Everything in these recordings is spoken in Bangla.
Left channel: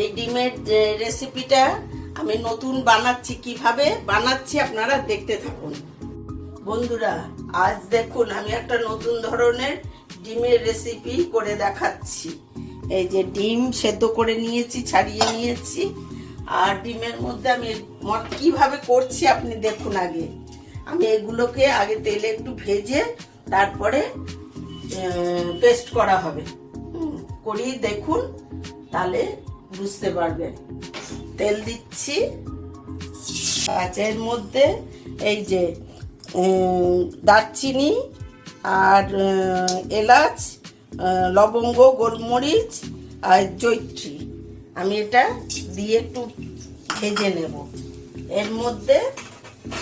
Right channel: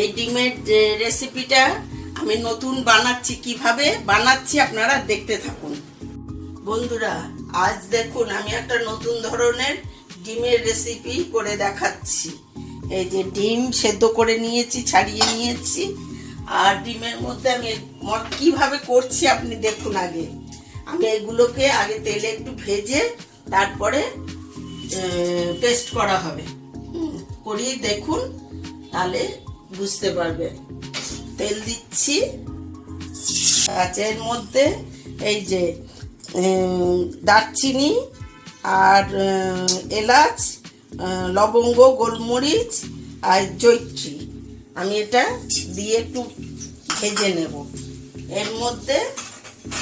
এই ডিমের রেসিপিটা আমি নতুন বানাচ্ছি, কিভাবে বানাচ্ছি আপনারা দেখতে থাকুন। বন্ধুরা, আজ দেখুন আমি একটা নতুন ধরনের ডিমের রেসিপি করে দেখাচ্ছি। এই যে ডিম সেদ্ধ করে নিয়েছি, ছাড়িয়ে নিয়েছি, আর ডিমের মধ্যে আমি কিভাবে করছি আপনি দেখুন। আগে আমি এগুলোকে আগে তেলে একটু ভেজে তারপরে পেস্ট করা হবে। করি দেখুন, তাহলে বুঝতে পারবেন। তেল দিচ্ছি, এর মধ্যে এই যে দারচিনি আর এলাচ, লবঙ্গ, গোলমরিচ আর জয়িত্রী আমি এটা দিয়ে একটু ভেজে নেব। এর মধ্যে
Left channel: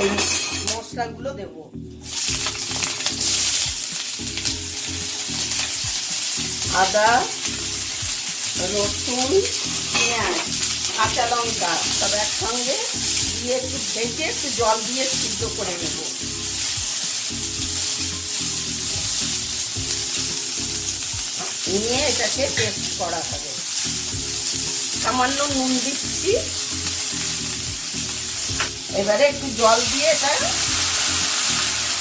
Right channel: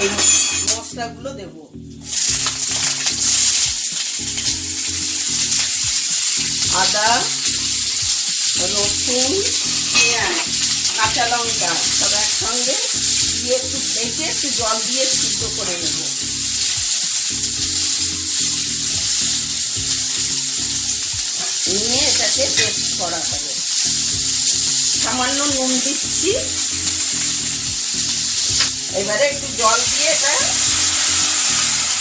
এই মশলাগুলো দেব। আদা, রসুন, পেঁয়াজ, কাঁচা লঙ্কা সব একসঙ্গে দিয়ে একটু ভেজে একটু জল দিয়ে সিদ্ধ করে নেব। নিয়ে এটাকে পেস্ট করা হবে। সামান্য নুন দিচ্ছি। এবারে একটু জল দিয়ে এটা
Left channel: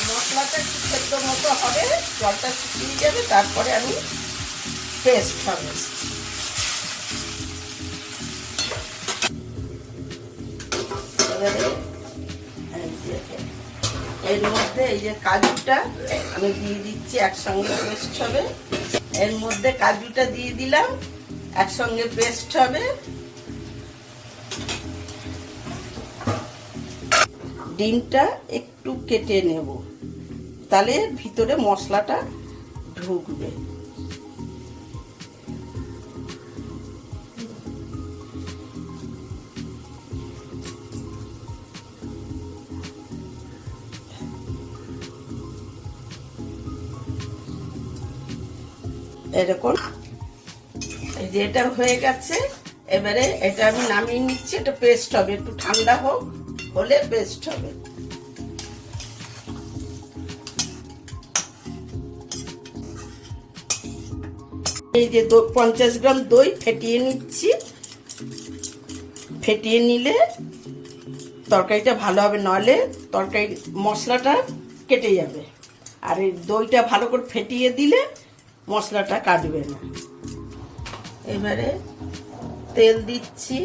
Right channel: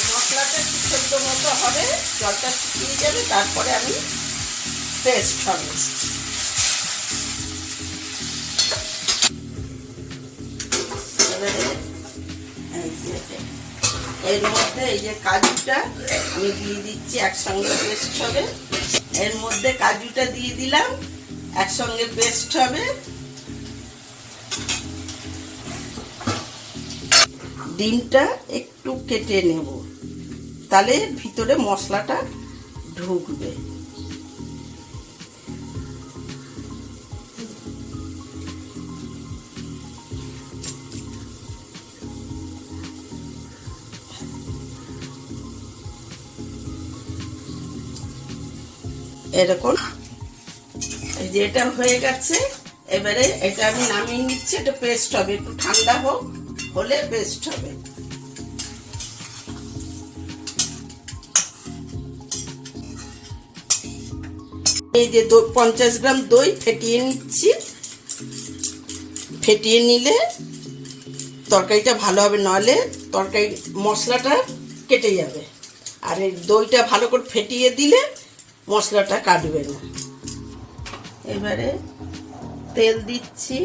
মশলাটা একটু সেদ্ধ মতো হবে, জলটা শুকিয়ে যাবে, তারপরে আমি পেস্ট হবে। এবারে এর মধ্যে এই যে কাজুটা আমি দিয়ে দিচ্ছি, একসঙ্গে পেস্ট হবে। এর মধ্যে কাজুটা দিয়ে দিলাম, একসঙ্গে পেস্ট হবে। ডিমটা একটু কেটে নেব, তাহলে ভিতরে মশলাটা ঢুকবে। এরকম এই যে এটা হয়ে গেছে। এবারে এটা আমি নামিয়ে নিচ্ছি। এটা পেস্ট হবে, একটু ঠান্ডা হোক, হলে পেস্ট হবে। এই যে 50 গ্রাম দই ফেটিয়ে নিচ্ছি। ফেটিয়ে নিলে তরকারিটা ভালো হবে, নইলে তরকারি মশলাটা কেটে যাবে। আর এই দইটা ভালো করে ফেটিয়ে দিলে মশলাটা কাটবে না। এবারে তেল দিচ্ছি।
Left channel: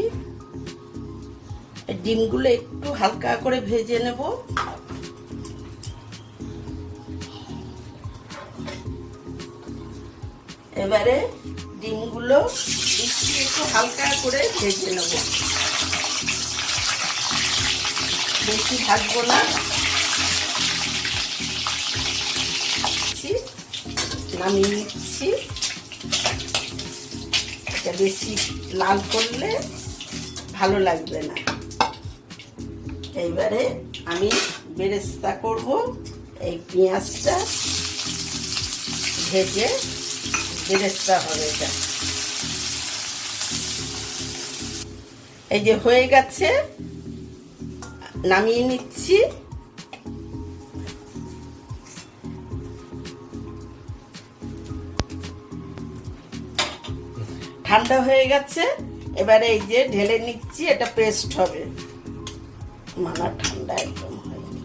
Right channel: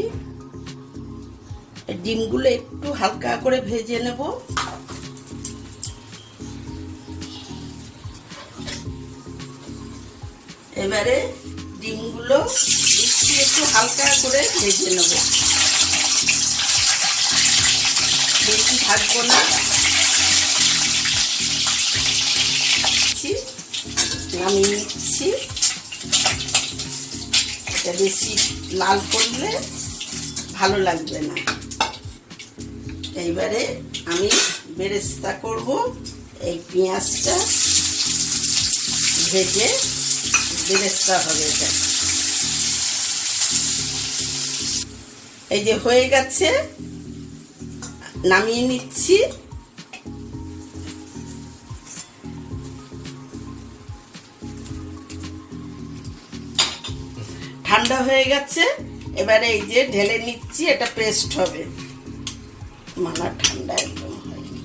ডিমগুলো একটু হালকা করে ভেজে নেব। এবারে ডিমগুলো দিচ্ছি, একটু হালকা করে ভেজে নেব, বেশি ভাজবো না। নামিয়ে নিচ্ছি। এটা বেশি লাল করলে ভালো লাগবে না। এইবারে আমি বেরেস্তা করব। এই পেঁয়াজটা ভেজে বেরেস্তা হবে এটা। এই যে হয়ে গেছে, নামিয়ে নিচ্ছি। ঠান্ডা হয়ে গেছে। এবারে এই যে ঢেলে নিচ্ছি, এটা পেস্ট হবে। মানা ঠান্ডা একদম হয়নি,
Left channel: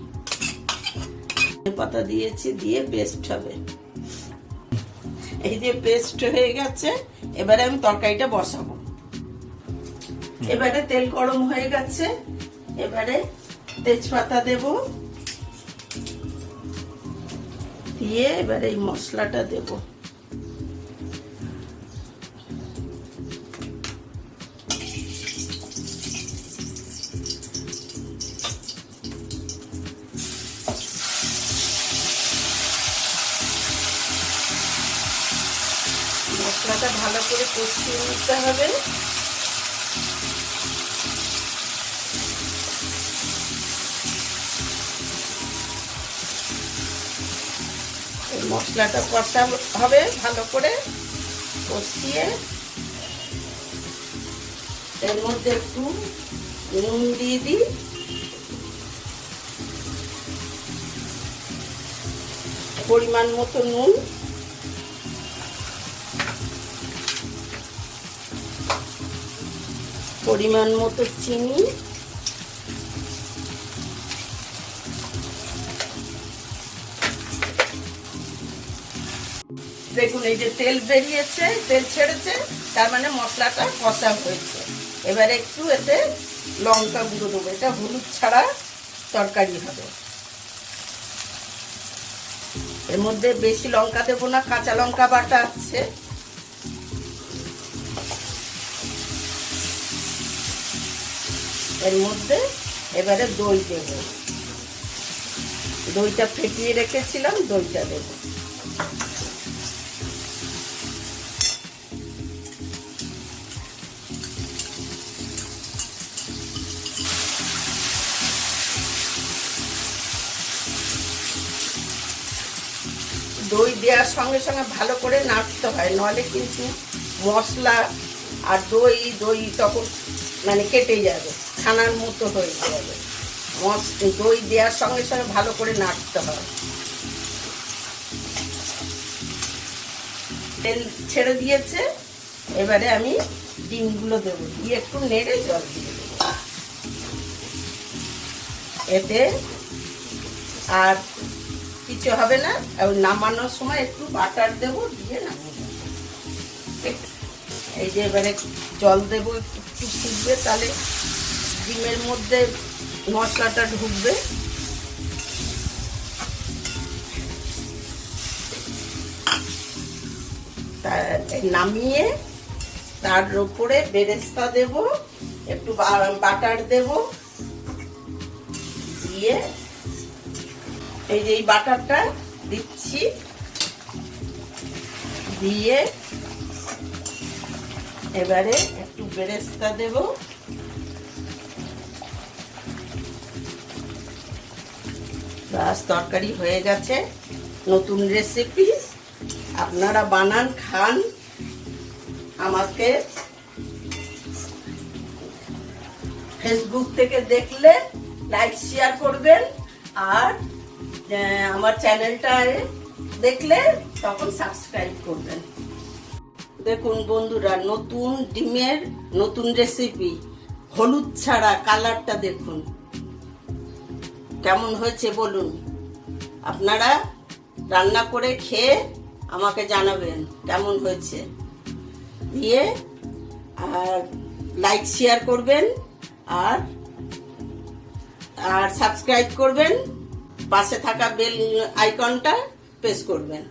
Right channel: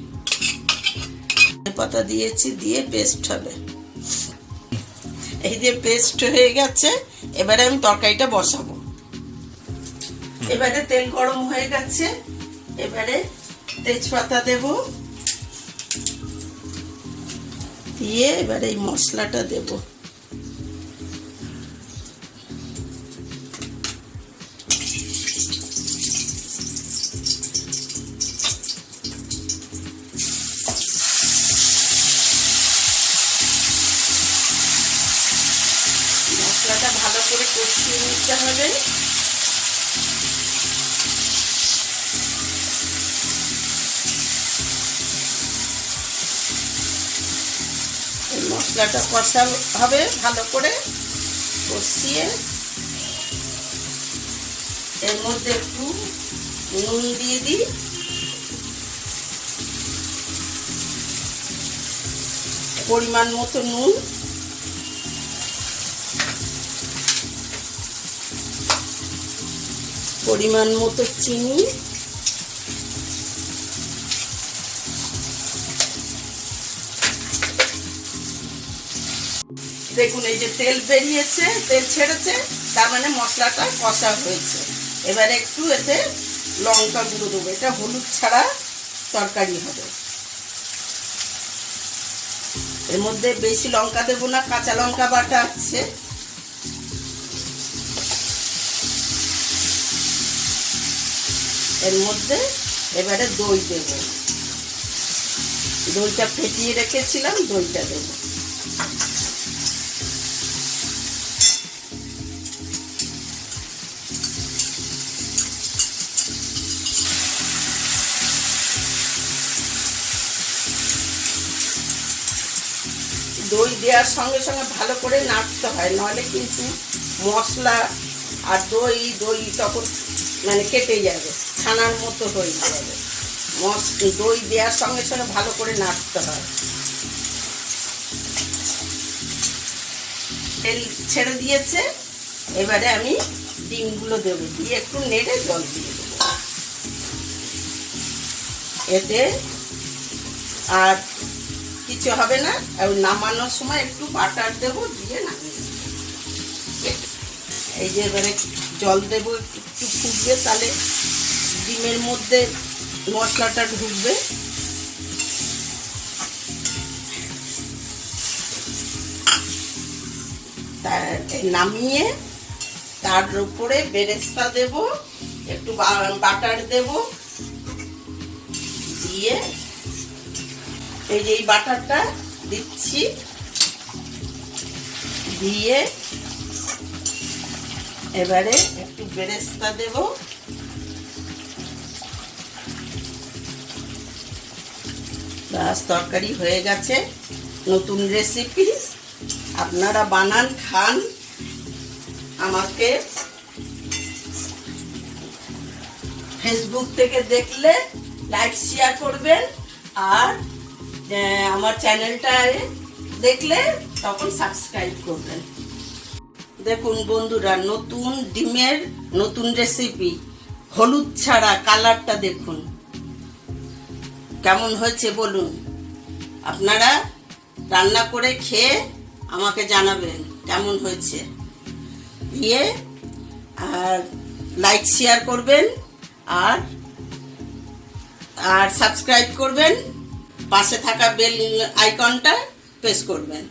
পাতা দিয়েছি, দিয়ে পেস্ট হবে। এই যে পেস্ট হয়ে গেছে। এবারে আমি তরকারিটা বসাবো। এবারে তেল গরম হয়ে গেছে। এবারে তেজপাতা দেব, দিয়ে এবারে এই মশলাটা দেব। মশলাটা ভালো করে কষিয়ে নিতে হবে। মশলাটা কষা হবে, ভালো করে কষিয়ে এর মধ্যে একটু নুন দিয়ে দিই। পরিমাণ মতো নুন, পরিমাণ মতো চিনি, দেখুন এই যে তেল বেরিয়েছে, তেল ছেড়েছে, তার মানে মশলাটা কষা হয়েছে। এবার একটু এতে লঙ্কা গুঁড়ো দেবো, এটা হলুদ ছাড়া তরকারি হবে। এর মধ্যে বেশি লঙ্কা দেবো না, কাঁচা লঙ্কা বাটা আছে। এর মধ্যে এবারে দই দেব, দইটা ফেটিয়ে রেখেছিলাম, দইটা দেব। দই দেওয়ার সঙ্গে সঙ্গে ভালো করে নাড়তে হয়, নাহলে কিন্তু মশলা আর দই তখন মানে কেটে যাবে, ছানার মতো হয়ে যাবে। দই দেওয়ার সঙ্গে সঙ্গে ভালো করে নাড়তে হয়। তেল ছেড়ে দিয়েছে, এবারে আমি ডিমগুলো দেবো, দিয়ে একটু নেড়ে জল দিয়ে দেবো। এতে আর কিছু হবে না, নামানোর সময় একটু বাটার দেবো, দিয়ে নামিয়ে দেবো। এই যে এবারে জল দেবো, একটু ফুটবে, তাহলে ডিমের মধ্যে মশলাটা ঢুকবে। নামিয়ে তার উপরে বেরেস্তা দেব, একটু বাটার দেব, দিয়ে এই যে এই বাটারটা দিচ্ছি, দিয়ে এবারে একটু বেরেস্তা দেব, ব্যাস তরকারি হয়ে গেছে। নতুন রেসিপি, আপনারা বানান, খান। আমাকে ফেসবুক থেকে দেখলে লাইক শেয়ার করবেন, আর আমার চ্যানেলটা দেখলে তখন সাবস্ক্রাইব করবেন। দেখুন বন্ধুরা, নতুন ডিমের নতুন রেসিপি, হলুদ ছাড়া, কালারটা দেখুন কেমন হয়েছে বলুন। আপনারা রান্না করে খেয়ে আমাকে জানাবেন কেমন হয়েছে, দিয়ে আর লাইক শেয়ার করবেন, আর সাবস্ক্রাইব করবেন, পাশে থাকা বেল আইকনটা প্রেস করবেন।